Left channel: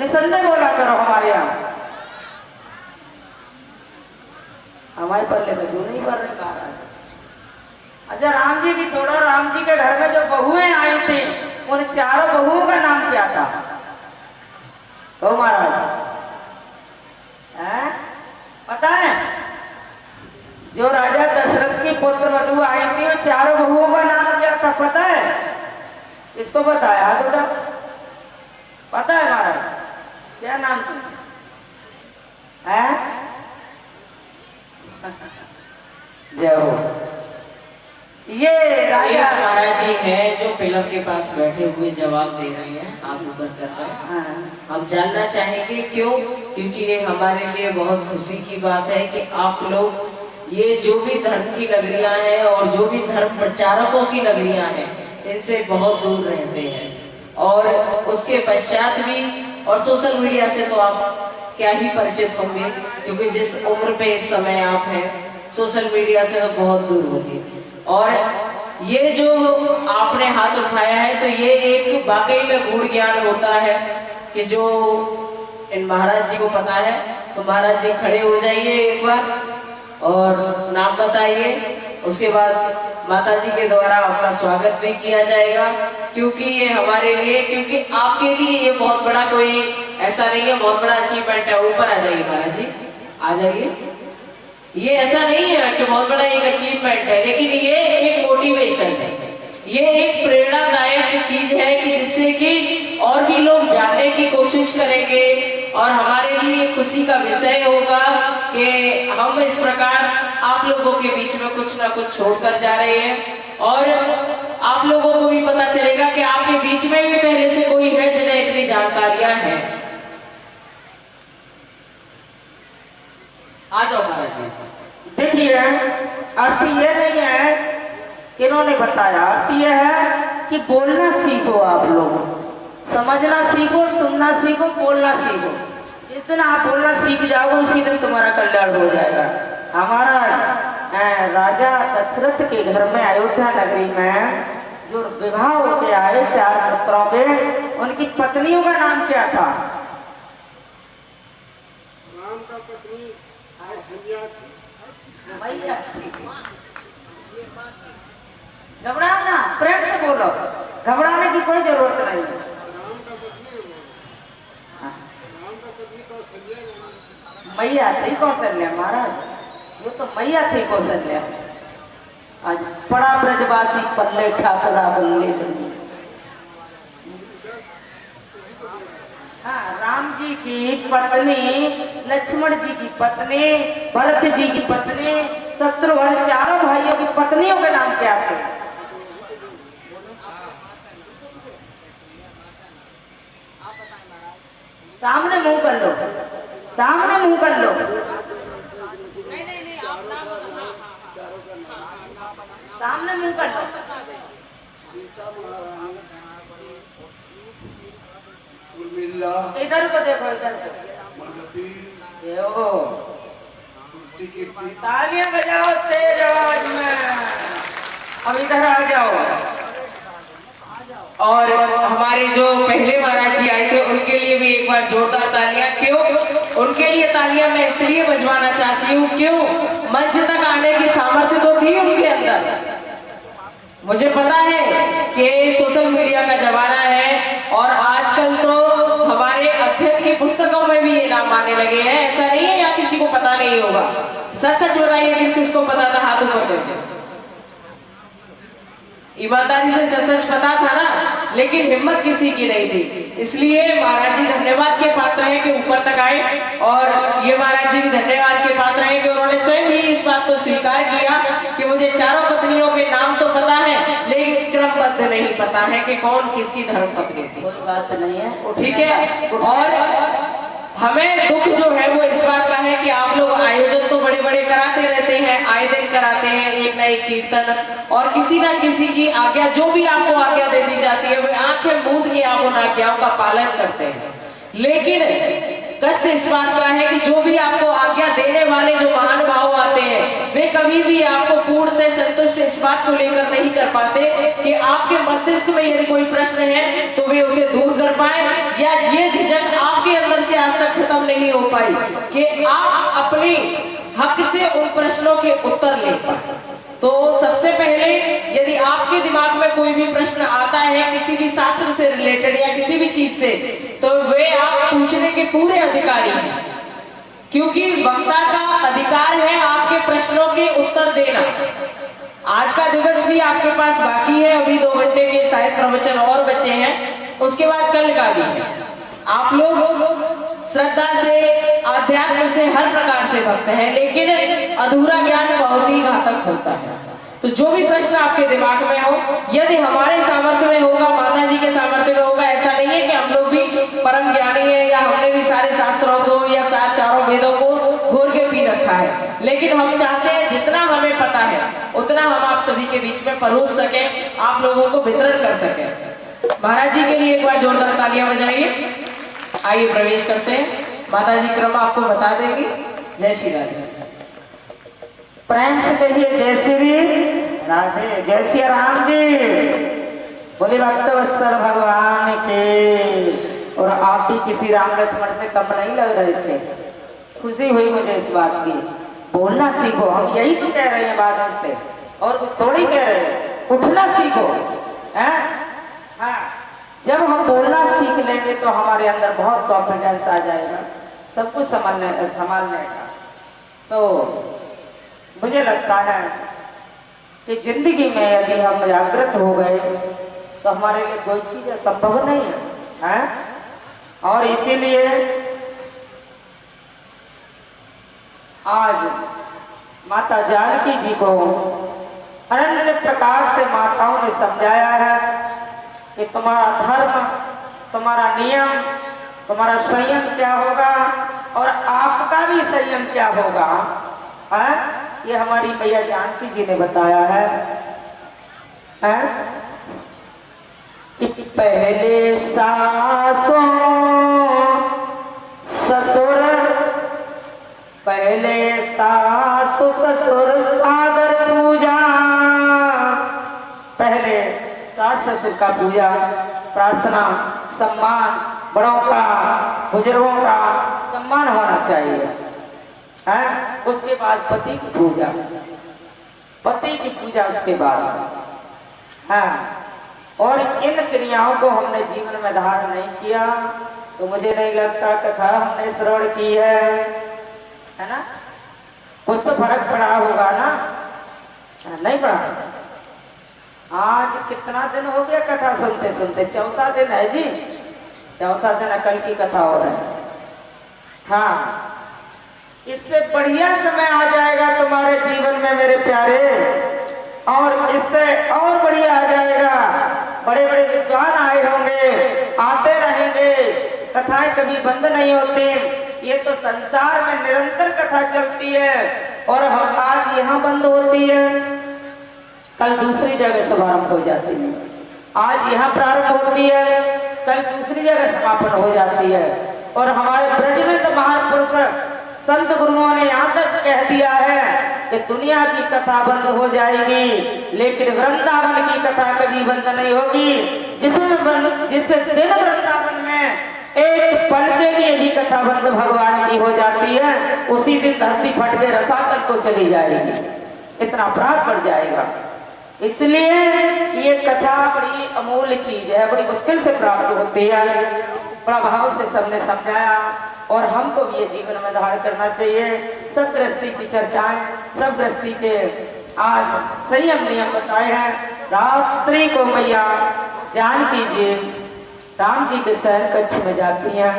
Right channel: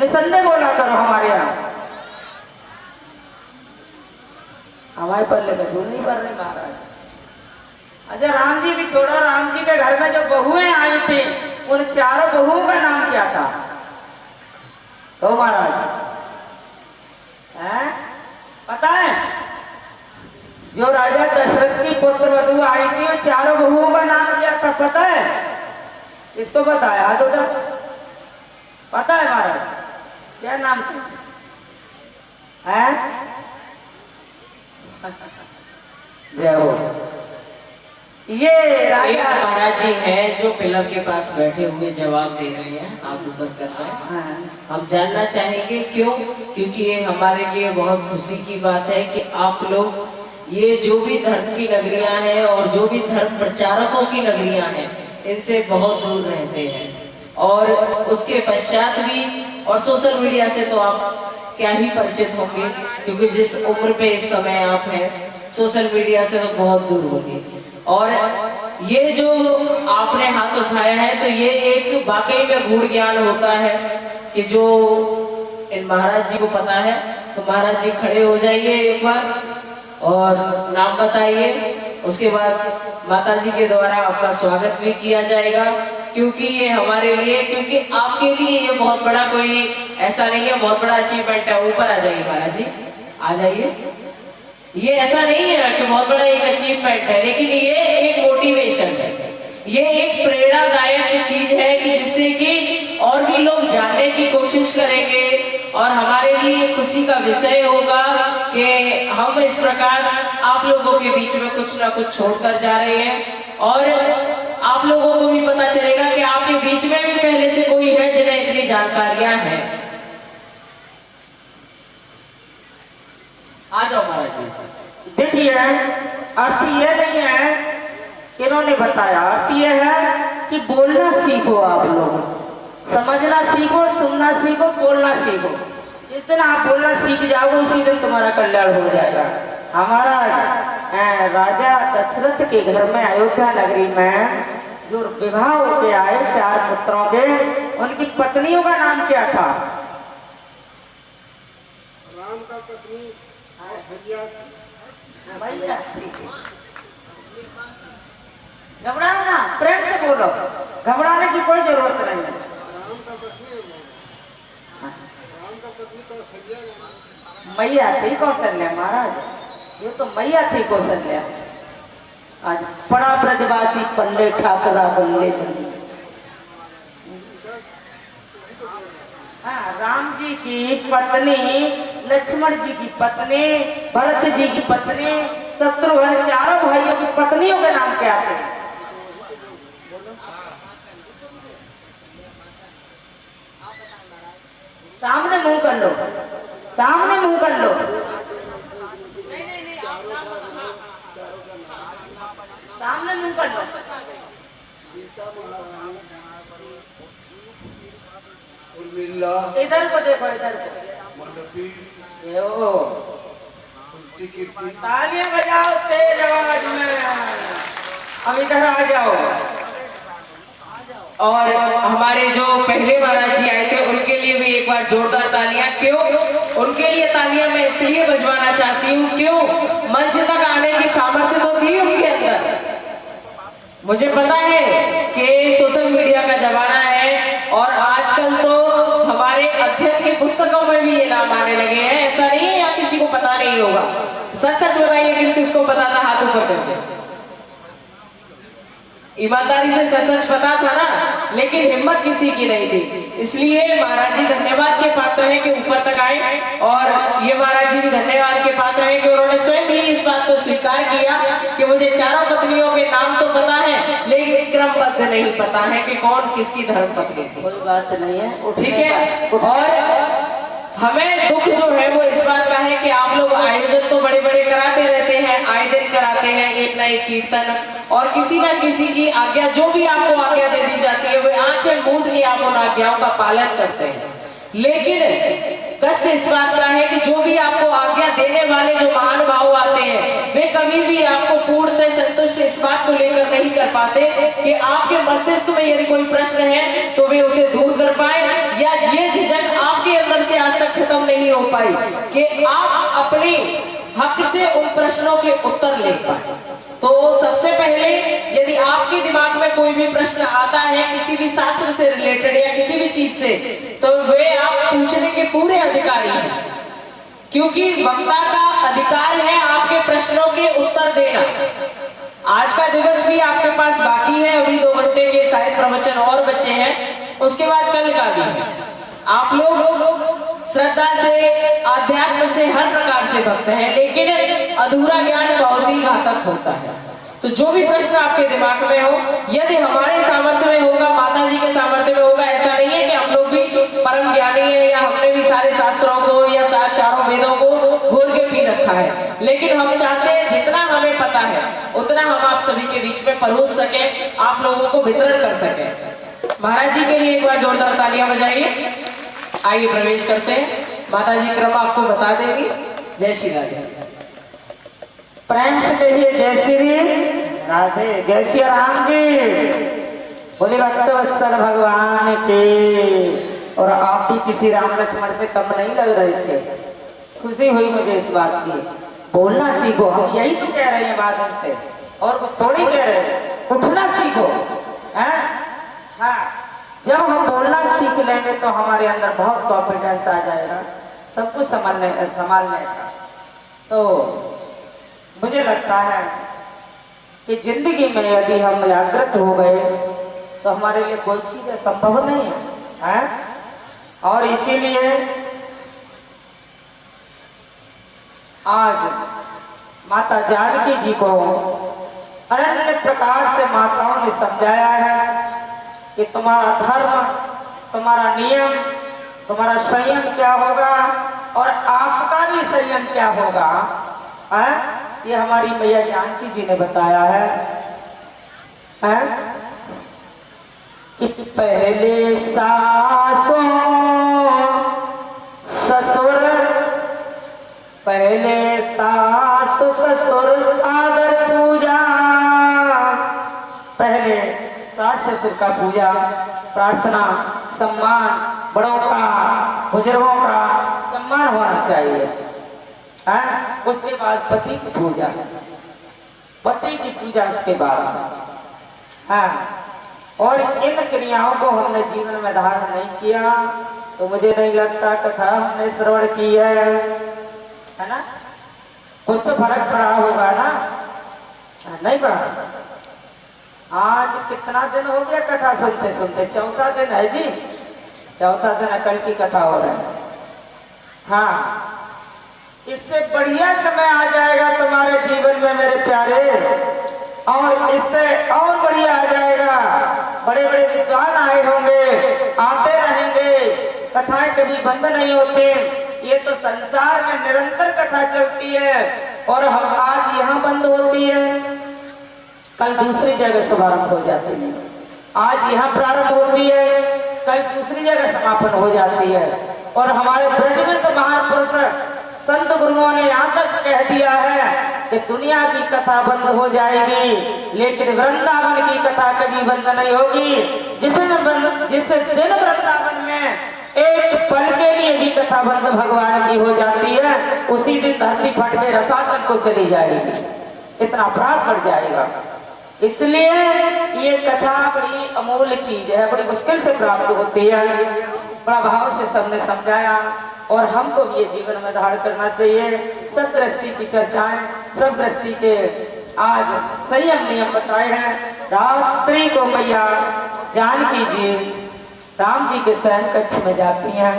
निसंदेह बोला करो हमारे यहाँ। हमारे पल्ले का जो नहीं कर रहे महाराज। अच्छा राम जी भी छोड़ा, राम जी के घर में जो बहुएं आई थी उन चारों बहुओं का नाम क्या था? तो महाराज पता है? जो राजा दशरथ की पुत्र वधु आई थी उन चारों बहुओं का नाम क्या था पता है? इसको बताया जो पता है महाराज क्या नाम था? जय हो। ये राजा महाराज जी है जो पिलर के पास बैठे हुए जवाब दे रहे हैं, हाथ ऊपर कर रहे हैं। हम जानना चाहेंगे क्यों? क्योंकि ये हमारे लिए बहुत खुशी की बात है कि आप लोग ये जो भी धर्म की नगरियां हैं और जो भी धर्म प्रचारकों की नगरियां हैं इनसे बहुत दूर रहते हैं, और उसके पश्चात भी और सोशल मीडिया से तो आप क्या ही परिचित होंगे, क्योंकि जिस उम्र पे इस समय आप हैं सोशल मीडिया से तो बहुत दूर होंगे। और ये जो आपने हाथ उठाया है तो ये एक वाकई में गूढ़ ज्ञान होता है कि जो इन महाराज जी को पता है। तो महाराज जी खड़े हो जाइए एक बार और नाम बताइए, उसके बाद माता जी के द्वारा आपका स्वागत भी किया जाएगा, क्योंकि ये हमारे लिए, क्योंकि आपके लिए ये बहुत बड़ा कोई ऐसा नहीं है, बहुत बड़ा अचीवमेंट है। ऊपर आ जाइए महाराज जी, आ जाइए। ये ऐसा नहीं है कि बहुत बड़ा एक अचीवमेंट है, लेकिन ये एक मोटिवेशन है, ये एक प्रेरणादायक चीज है कि जिससे कि और भी लोग जानने की कोशिश करेंगे और हमारे लिए खुशी का विषय होगा कि हम इस प्रकार आप लोगों के बीच में कुछ ना कुछ छोड़कर जा रहे हैं, और आप लोगों को भी पता चलेगा कि आपके बीच में भी पहले से कोई है जिन्हें इतनी जानकारियां हैं। आ जाओ महाराज जी। देखिए अर्थ ये नहीं है कि इन्होंने बताया, अर्थ ये है कि बोलना सीखो, आप लोग समझना सीखो, सुनना सीखो, बोलना सीखो। जिस दिन आप बोलना सीख जाओगे उसी दिन तुम्हारा कल्याण हो जाएगा। हमारा राजा दशरथ के घर में अयोध्या नगरी में जो विवाह होके आए 4 पुत्रों के, उनकी पत्नियों का नाम क्या था? राम का पत्नी घबराओ ना, प्रेम से बोलो, घबराने की कोई जरूरत नहीं। राम का पत्नी कौशल्या, मैया थी कौशल्या महाराज, ये तो मैया थी कौशल्या। आज बड़ा ब्रजवासी पल्ले ठाकरा बल्ले बल्ले। हाँ, राम जी की पत्नी, लक्ष्मण जी की पत्नी, भरत जी की पत्नी, शत्रुघ्न, चारों भाइयों की पत्नियों के नाम क्या थे? सामने मुंह कर लो, सामने मुंह कर लो, सामने मुंह कर लो। इधर को देखो, इधर को। तालियां बजाओ तेज आवाज में। अब इधर आ जाओ। और हमारे जो पहले महाराज जी आए थे उनके लिए भी एक बार जोरदार तालियां। क्यों उनके लिए तालियां मैं इसलिए बजवाना चाहती हूँ, क्यों मंच तक आने की सामर्थ्य तो थी उनके अंदर। मुझे पता है कि सोशल मीडिया का जमाना है और आजकल तो हमारे अध्ययन की पुस्तकों में भी ये नाम आने लगे हैं। ऐसा नहीं है या किसी को पता नहीं होगा। सच सच बताइए किस किसको पता था, हाथ ऊपर करके। ईमानदारी से सच सच पता था ना, लेकिन हिम्मत किसी की नहीं थी। इसलिए महाराज जी धन्यवाद के पात्र हैं कि ऊपर तक आए, और ये महाराज जी भी धन्यवाद के पात्र हैं कि उन्होंने स्वयं ही इस बात को स्वीकार किया कि मुझे चारों पत्नियों के नाम तो पता है लेकिन क्रमबद्ध नहीं पता है कि कौन किसकी धर्म पत्नी थी। कोई बात नहीं है, ठीक है। और हमें दुख जो है वो इस बात का है कि आप लोग आयोजन तो बड़े बड़े कराते रहते हैं, आए दिन कराते हैं एक न एक कीर्तन, और किसी न किसी की आज्ञा, जो भी आपको आज्ञा दे दी जाती है वे आंखें मूंद के आप उन आज्ञाओं का पालन करते हैं। लेकिन कष्ट इस बात का है कि जो भी आपको आज्ञा देने वाले जो महानुभाव आते हैं वे कभी भी आपको पूर्णतः संतुष्ट इस बात को लेकर नहीं कर पाते कि आपके मस्तिष्क में यदि कोई प्रश्न है तो वे उसे दूर कर पाए, या ये झिझक आप आपके अंदर से आज तक खत्म नहीं हो पाई कि आप अपने हक से उन प्रश्नों के उत्तर ले पाए। तो सबसे पहले यदि आपके दिमाग में कोई भी प्रश्न आता है किसी भी शास्त्र से रिलेटेड या किसी भी चीज से, तो वे आप पूछने के पूरे अधिकारी हैं, क्योंकि वक्ता का अधिकार है आपके प्रश्नों के उत्तर देना। आज का दिवस भी आपके पास बाकी है, अभी 2 घंटे के शायद प्रवचन और बचे हैं, उसके बाद कल का भी है। आप लोग श्रद्धा से, आध्यात्म से, हर प्रकार से भक्त हैं, लेकिन अधूरा ज्ञान बहुत ही घातक होता है। तो जो भी प्रश्न आपके दिमाग में हो, यदि हमारे सामर्थ्य में होगा, माता जी के सामर्थ्य में होगा, ऐसा नहीं है कि हम लोग भी परम ज्ञानी है या हमने भी सारे शास्त्रों को या चारों वेदों को घोर के पी रखा है, लेकिन हम चाहते हैं जितना हमें पता है उतना हम आप सभी के बीच में परोस सके, आप लोगों को वितरण कर सके। महाराज जी के लिए एक बार जोरदार तालियां बजाइए। आइए प्रवेश करते हैं, माता जी क्रम आपको बता देंगी। जय श्री राधे। प्रेम से कहिए जय श्री राधे, जय श्री राम जी, बोले भक्तवत्सल भगवान के। और आप भी किसी राम लक्ष्मण से कम नहीं लग रहे थे, खुशी हुई मुझे इस बात की। बोलना सीखो, हम यही तो कह रहे हैं बादल से, और कुछ थोड़ी कह रहे हैं, उठना सीखो है। हाँ, जब हम बोलना सीख लेंगे तो हमारे अंदर बहुत कॉन्फिडेंस आ जाएगा सब कुछ संभालने का। तो मुझे लगता है कि जिंदगी में यदि हम जागृत हो गए तो हमारे लिए कोई चीज संभव नहीं है, और इसीलिए आज माता जानकी जी को अनन्य प्रकार से माताओं ने समझाया है कि तुम्हारा धर्म, तुम्हारा नियम, तुम्हारा संयम क्या होगा और आपका भी संयम क्या होगा, ये हमारी मैया जानकी जी ने बताया है। कि पहले सासों ससुर, पहले सासु ससुर सागर पूजा, पहले सास ससुर का पूजा, प्रार्थना, सम्मान, बड़ों का, बुजुर्गों का सम्मान होना चाहिए। उसके बाद पति की पूजा, पति की पूजा उसके बाद। और इन क्रियाओं को हमने जीवन में धारण नहीं किया तो मुझे नहीं लगता कथा हमने श्रवण की है ना। कुछ तो फर्क पड़ा होगा ना, नहीं पड़ा। आज कितना दिन हो गया कथा सुनते सुनते, चौथा दिन है जी, चौथा दिन कल की कथा हो रहा है। हाँ, इससे बढ़िया समय आ जाएगा तुम्हारे जीवन में मेरे प्यारे, और इससे और बढ़िया आ जाएगा। बड़े बड़े विद्वान आए होंगे, आते रहेंगे, कथाएं कभी बंद नहीं होती। ये तो संसार में निरंतर कथा चलती है, और हम आज यहाँ बंद होती है, कल दूसरी जगह शुभारंभ हो जाती है। आज यहाँ प्रारंभ होती है, कल दूसरी जगह समापन हो जाती है। और हमारे ब्रज में तो महापुरुष संत गुरुओं ने यहाँ तक कह दिया है कि दुनिया की कथा बंद हो जाएगी, लेकिन वृंदावन की कथा कभी बंद नहीं होगी। जिस दिन वृंदावन में एक पल के लिए भी कथा बंद भगवान की हो जाती है, उसी दिन धरती फट के रसातल को चली जाएगी, इतना अपराध बढ़ जाएगा। इसलिए ये कथा बड़ी अमूल्य चीज है, बड़ी मुश्किल से प्राप्त होती है। बड़ा भाव से सबने समझाया, और हमको भी ये जीवन में धारण करना चाहिए। सब गृहस्थी की चर्चाएं, सब गृहस्थी के आज संयम नियम बताए हैं। रात्रि को मैया जानकी जी राम जी के शयन कक्ष में जाती हैं।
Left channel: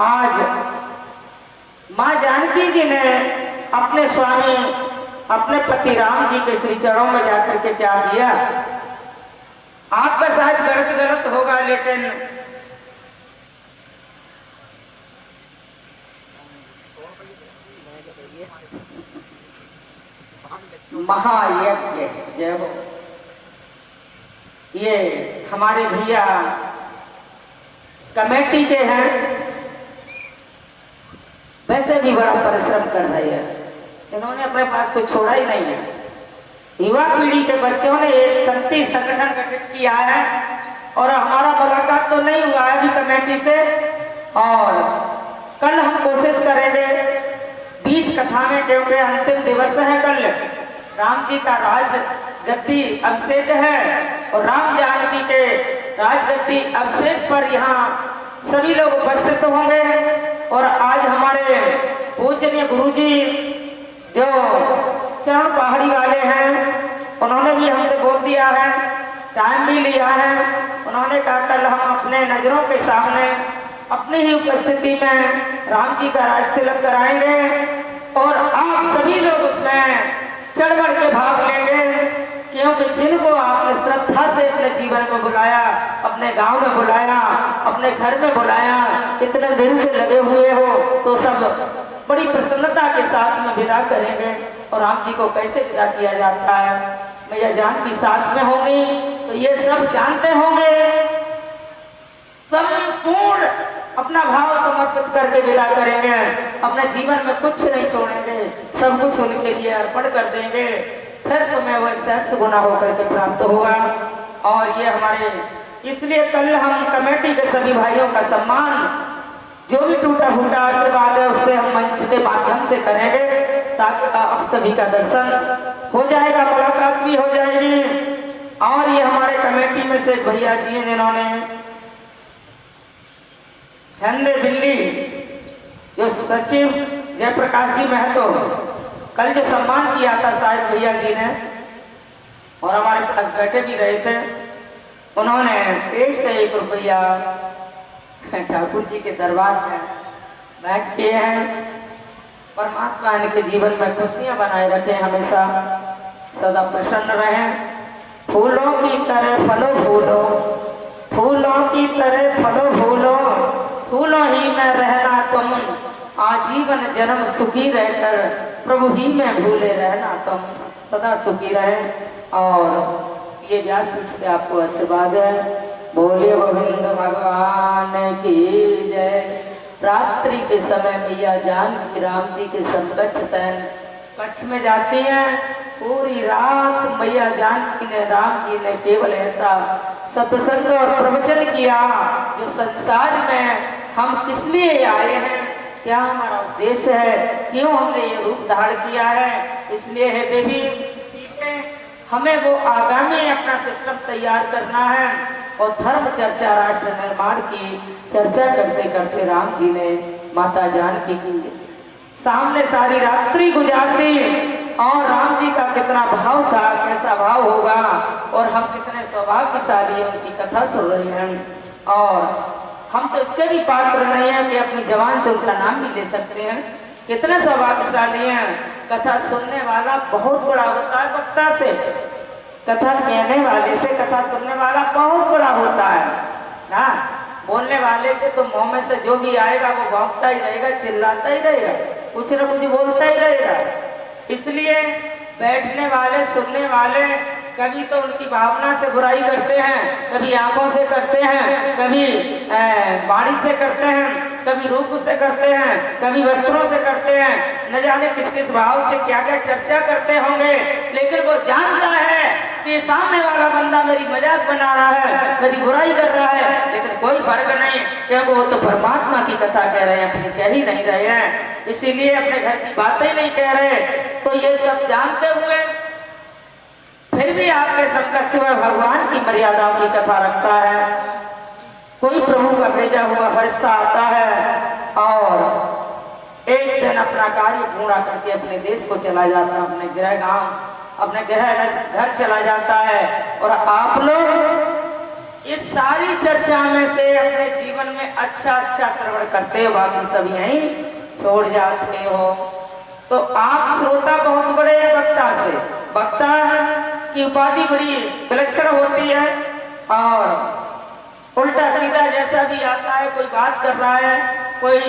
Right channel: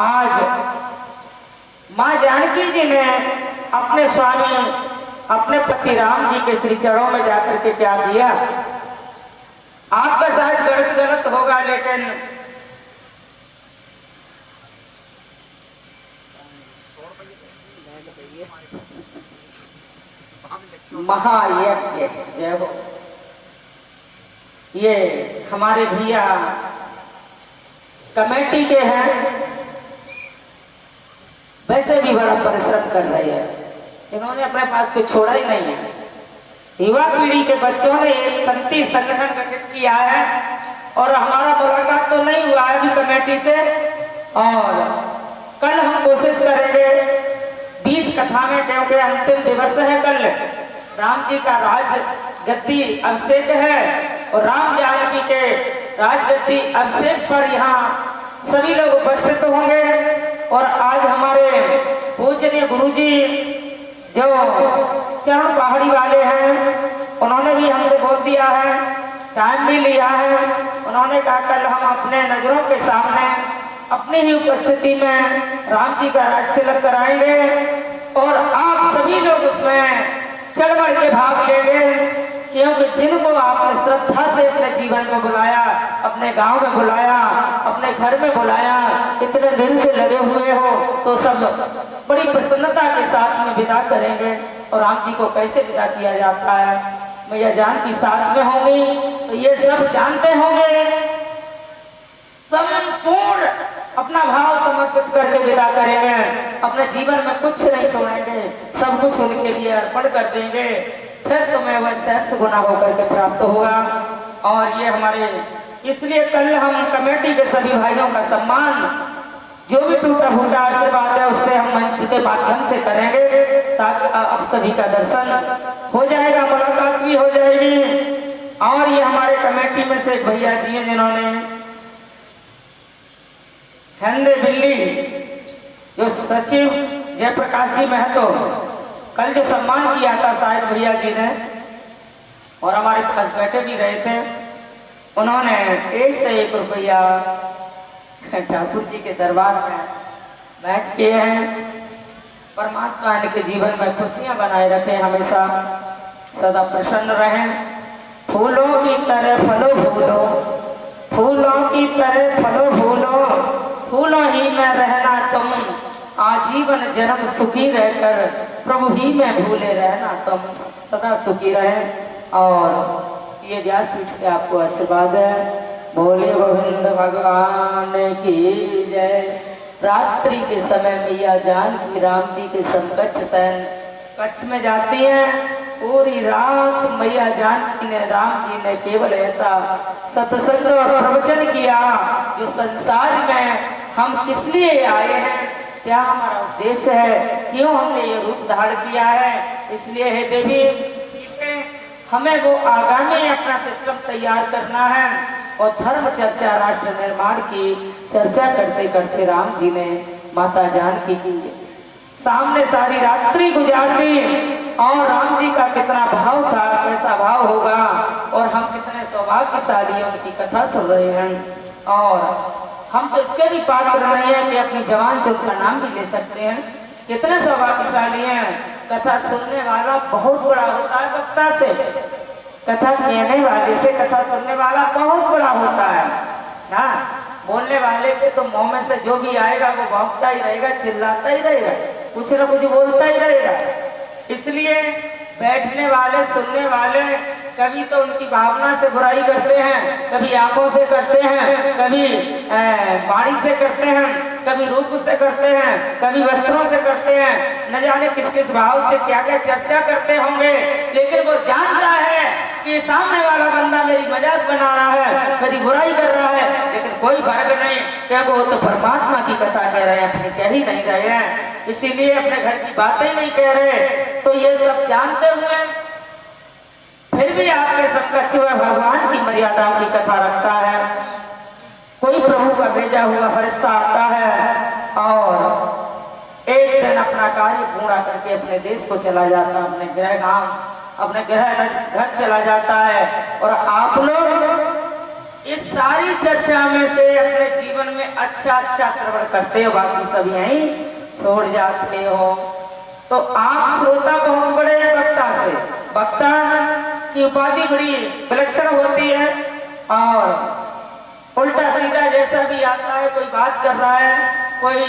आज माँ जानकी जी ने अपने स्वामी, अपने पति राम जी के श्री चरणों में जाकर के क्या दिया, आपका शायद गलत होगा, लेकिन महायज्ञ जय हो, ये हमारे भैया कमेटी के हैं, वैसे भी बड़ा परिश्रम कर रहे हैं। इन्होंने अपने पास कुछ छोड़ा ही नहीं है। युवा पीढ़ी के बच्चों ने एक शक्ति संगठन गठित किया है, और हमारा मुलाकात तो नहीं हुआ है अभी कमेटी कमेटी से। और कल हम कोशिश करेंगे बीच कथा में, क्योंकि अंतिम दिवस है कल, राम जी का राज गद्दी अभिषेक है और राम जानकी के राजगद्दी अभिषेक पर यहाँ सभी लोग उपस्थित होंगे। और आज हमारे पूजनीय गुरुजी जो चरण पहाड़ी वाले हैं, उन्होंने भी हमसे बोल दिया है, टाइम भी लिया है। उन्होंने कहा कल हम अपने नजरों के सामने अपनी ही उपस्थिति में राम जी का राज तिलक कराएंगे और आप सभी लोग उसमें चढ़ बढ़ के भाग लेंगे, क्योंकि जिनको आपने श्रद्धा से अपने जीवन में बुलाया, अपने गांव में बुलाया, अपने घर में बुलाया, इतने दिन से लगे हुए हो, तो सब बड़ी प्रसन्नता के साथ में विदा करेंगे। और राम जी को कैसे विदा किया जाता है, मैया जानकी साथ में होंगी तो ये सब जानते होंगे। संपूर्ण अपना भाव समर्पित करके विदा करेंगे, अपने जीवन में कुछ नहीं छोड़ेंगे, सब कुछ उनके लिए अर्पण कर देंगे, फिर तुम्हें वह सहस्र गुना होकर के प्राप्त होगा। और ये हमारे इसलिए कल हम कमेटी के सभी भाइयों का सम्मान, जो भी टूटा फूटा आशीर्वाद है उससे हम मंच के माध्यम से करेंगे, ताकि आप सभी का दर्शन हो जाएगा, मुलाकात भी हो जाएगी। और ये हमारे कमेटी में से एक भैया जी हैं जिन्होंने हिंदी दिल्ली जो सचिव जयप्रकाश जी महतो कल जो सम्मान किया था साहिब भैया जी ने, और हमारे पास बैठे भी रहे थे, उन्होंने 1 से 1 रुपया ठाकुर जी के दरबार में बैठ किए हैं। परमात्मा इनके जीवन में खुशियां बनाए रखे, हमेशा सदा प्रसन्न रहें। फूलों की तरह फलो फूलो, फूलों की तरह फलो फूलो, फूलों ही में रहना तुम, आजीवन जन्म सुखी रहकर प्रभु ही में भूले रहना तुम, सदा सुखी रहे। और ये व्यासपीठ से आपको आशीर्वाद है। बोले गोविंद भगवान की जय। रात्रि के समय मैया जानकी राम जी के समकक्ष शयन कच्छ में जाती है। पूरी रात मैया जानकी ने राम जी ने केवल ऐसा सत्संग और प्रवचन किया जो संसार में हम किस लिए आए हैं, क्या हमारा उद्देश्य है, क्यों हमने ये रूप धारण किया है। इसलिए है देवी, हमें वो आगामी अपना सिस्टम तैयार करना है और धर्म चर्चा राष्ट्र निर्माण की चर्चा करते करते राम जी ने माता जानकी की सामने सारी रात्रि गुजार दी। और राम जी का कितना भाव था, कैसा भाव होगा, और हम कितने सौभाग्यशाली उनकी कथा सुन रहे हैं। और हम तो इसके भी पात्र नहीं है कि अपनी जबान से उनका नाम भी ले सकते हैं। कितने सौभाग्यशाली हैं। कथा सुनने वाला बहुत बड़ा होता है वक्ता से, कथा कहने वाले से कथा सुनने वाला बहुत बड़ा होता है ना। बोलने वाले के तो मुंह में से जो भी आएगा वो भौंकता ही रहेगा, चिल्लाता ही रहेगा, कुछ न कुछ बोलता ही रहेगा। इसलिए बैठने वाले सुनने वाले कभी तो उनकी भावना से बुराई करते हैं, कभी आंखों से करते हैं, कभी वाणी से करते हैं, कभी रूप से करते हैं, कभी वस्त्रों से करते हैं, न जाने किस किस भाव से क्या क्या चर्चा करते होंगे। लेकिन वो जानता है कि सामने वाला बंदा मेरी मजाक बना रहा है, मेरी बुराई कर रहा है, लेकिन कोई फर्क नहीं, क्या वो तो परमात्मा की कथा कह रहे हैं, अपनी कह ही नहीं रहे हैं, इसीलिए अपने घर की बातें नहीं कह रहे। तो ये सब जानते हुए फिर भी आपके समकक्ष में भगवान की मर्यादाओं की कथा रखता है। कोई प्रभु का भेजा हुआ फरिश्ता आता है और एक दिन अपना कार्य पूरा करके अपने देश को चला जाता है, अपने गृह गांव, अपने गृह घर चला जाता है। और आप लोग इस सारी चर्चा में से अपने जीवन में अच्छा श्रवण करते हो, बाकी सब यहीं छोड़ जाते हो। तो आप श्रोता बहुत बड़े वक्ता से, वक्ता की उपाधि बड़ी विलक्षण होती है। और उल्टा सीधा जैसा भी आता है, कोई बात कर रहा है, कोई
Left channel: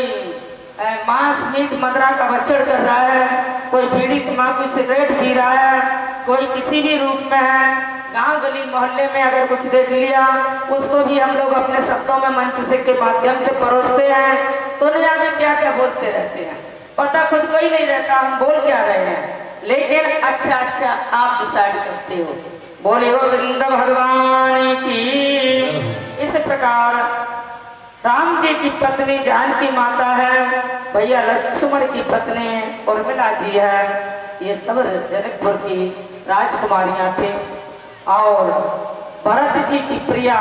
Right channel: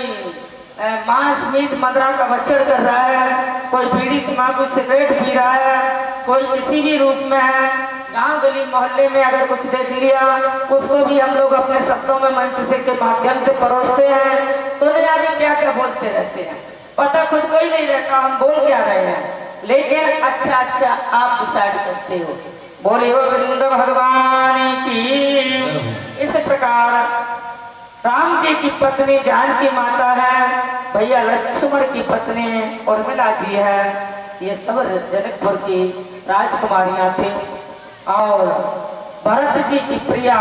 मांस मीट मदरा का बच्चड़ कर रहा है, कोई बीड़ी तम्बाकू सिगरेट पी रहा है, कोई किसी भी रूप में है, गांव गली मोहल्ले में अगर कुछ देख लिया उसको भी हम लोग अपने शब्दों में मंच से के माध्यम से परोसते हैं। तो न जाने क्या क्या बोलते रहते हैं, पता खुद को ही नहीं रहता हम बोल क्या रहे हैं, लेकिन अच्छा आप डिसाइड करते हो। बोलिए गोविंद भगवान की। इस प्रकार राम जी की पत्नी जानकी माता है, भैया लक्ष्मण की पत्नी उर्मिला जी है। ये सब जनकपुर की राजकुमारियां थी। और भरत जी की प्रिया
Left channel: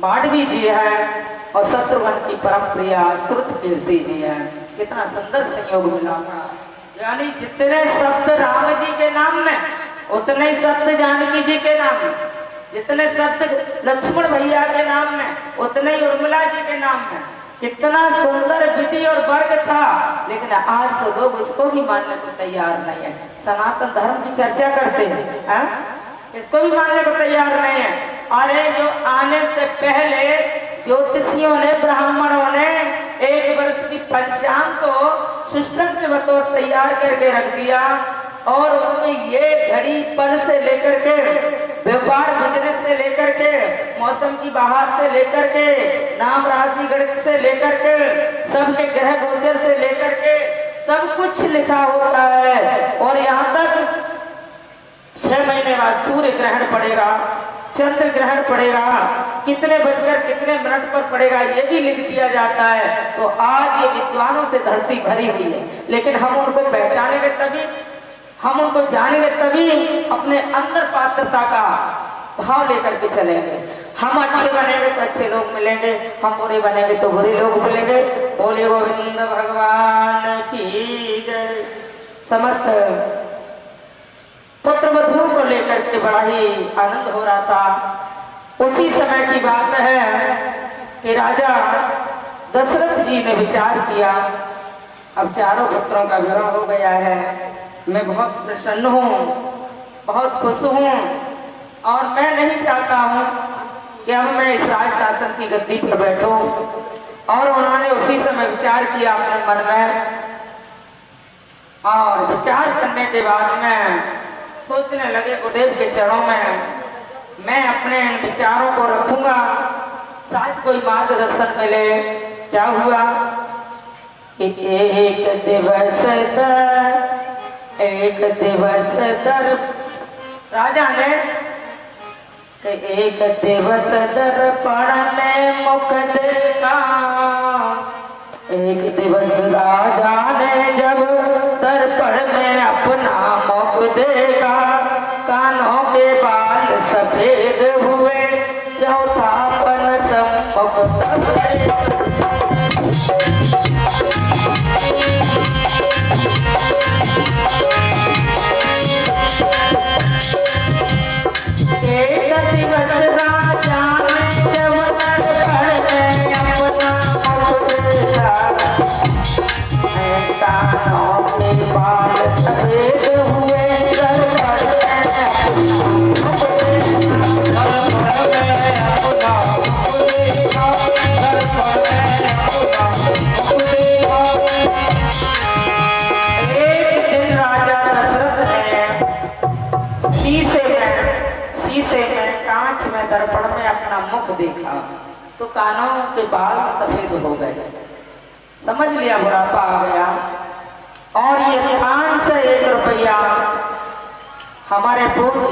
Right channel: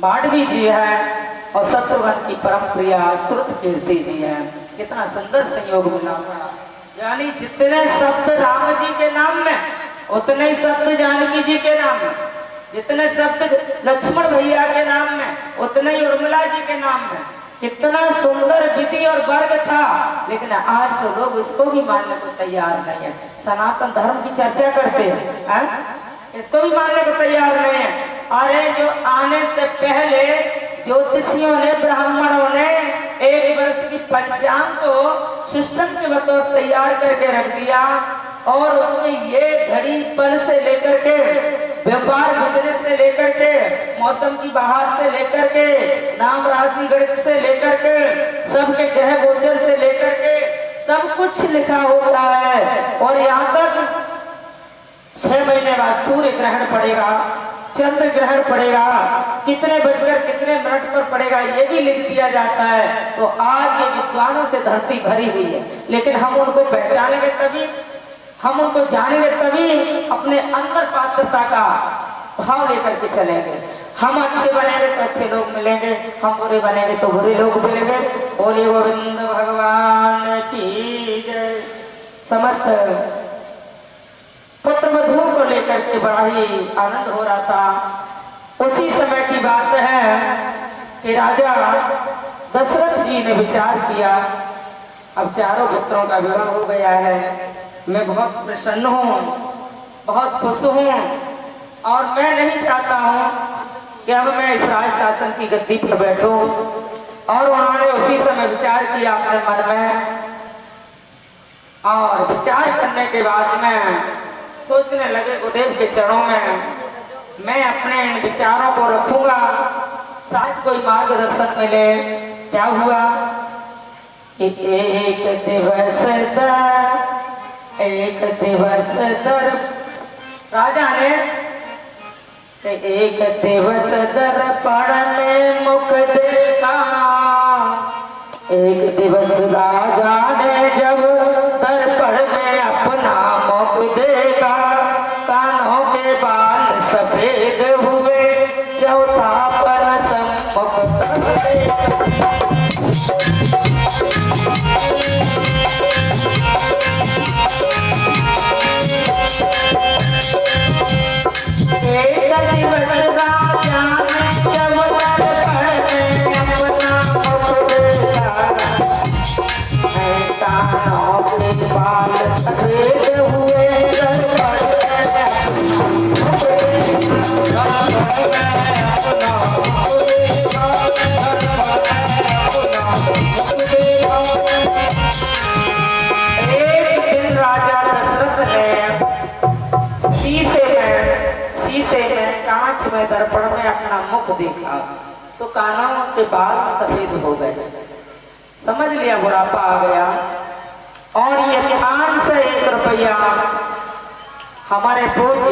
मांडवी जी है और शत्रुघ्न की परम प्रिया श्रुतकीर्ति जी है। कितना सुंदर संयोग मिला था। यानी जितने शब्द राम जी के नाम में उतने ही शब्द जानकी जी के नाम में, जितने शब्द लक्ष्मण भैया के नाम में उतने ही उर्मिला जी के नाम में। कितना सुंदर विधि और वर्ग था। लेकिन आज तो लोग इसको भी मानने को तैयार नहीं है। सनातन धर्म की चर्चा करते हैं, इसको भी मानने को तैयार नहीं है। अरे जो आने से पहले ज्योतिषियों ने, ब्राह्मणों ने 1 वर्ष की पंचांग को सिस्टम के बतौर तैयार करके रख दिया और उसमें ये घड़ी पल से लेकर के, व्यापार बिजनेस से लेकर के, मौसम की बहार से लेकर के, नाम राशि गणित से लेकर के, सबके ग्रह गोचर से लेकर के सब कुछ लिखा होता है। और यहाँ तक 6 महीने बाद सूर्य ग्रहण पड़ेगा, चंद्र ग्रहण पड़ेगा, कितने बजकर कितने मिनट पर पड़ेगा ये भी लिख दिया जाता है। तो आज ये विद्वानों से धरती भरी हुई है, लेकिन हम उनको पहचानेंगे तभी, हम उनको जानेंगे तभी, अपने अंदर पात्रता का भाव लेकर के चलेंगे। हम अच्छे बनेंगे तो अच्छे लोग मिलेंगे, हम बुरे बनेंगे तो बुरे लोग मिलेंगे। बोले गोविंद भगवान की जय। समस्त पुत्र वधुओं को लेकर के बड़ा ही आनंद हो रहा था। उसी समय की बात है कि राजा दशरथ जी ने विचार किया, अब चारों पुत्रों का विवाह हो गया है, मैं बहुत प्रसन्न हूँ, बहुत खुश हूँ और मैं नहीं चाहता हूँ कि अब मैं इस राज शासन की गद्दी पर बैठूं। और उन्होंने उसी समय विचार किया अपने मन में, और विचार करने के बाद में सोचने लगे गुरुदेव के चरणों में मैं अपने विचारों को रखूंगा, शायद कोई मार्गदर्शन मिले। क्या हुआ कि एक दिवस दर राजा ने एक दिवस दर्पण में मुख देखा। एक दिवस राजा ने जब दर्पण में अपना मुख देखा, कानों के बाल सफेद हुए, चौथापन सम्मुख तब देखा। एक दिवस राजा ने जब दर्पण में अपना मुख देखा, कानों के बाल सफेद हुए, दर्पण में अपना मुख एक दिन राजा दशरथ ने शीशे में कांच में दर्पण में अपना मुख देखा तो कानों के बाल सफेद हो गए। समझ लिया बुढ़ापा आ गया। और ये 501 रुपया हमारे पूज्य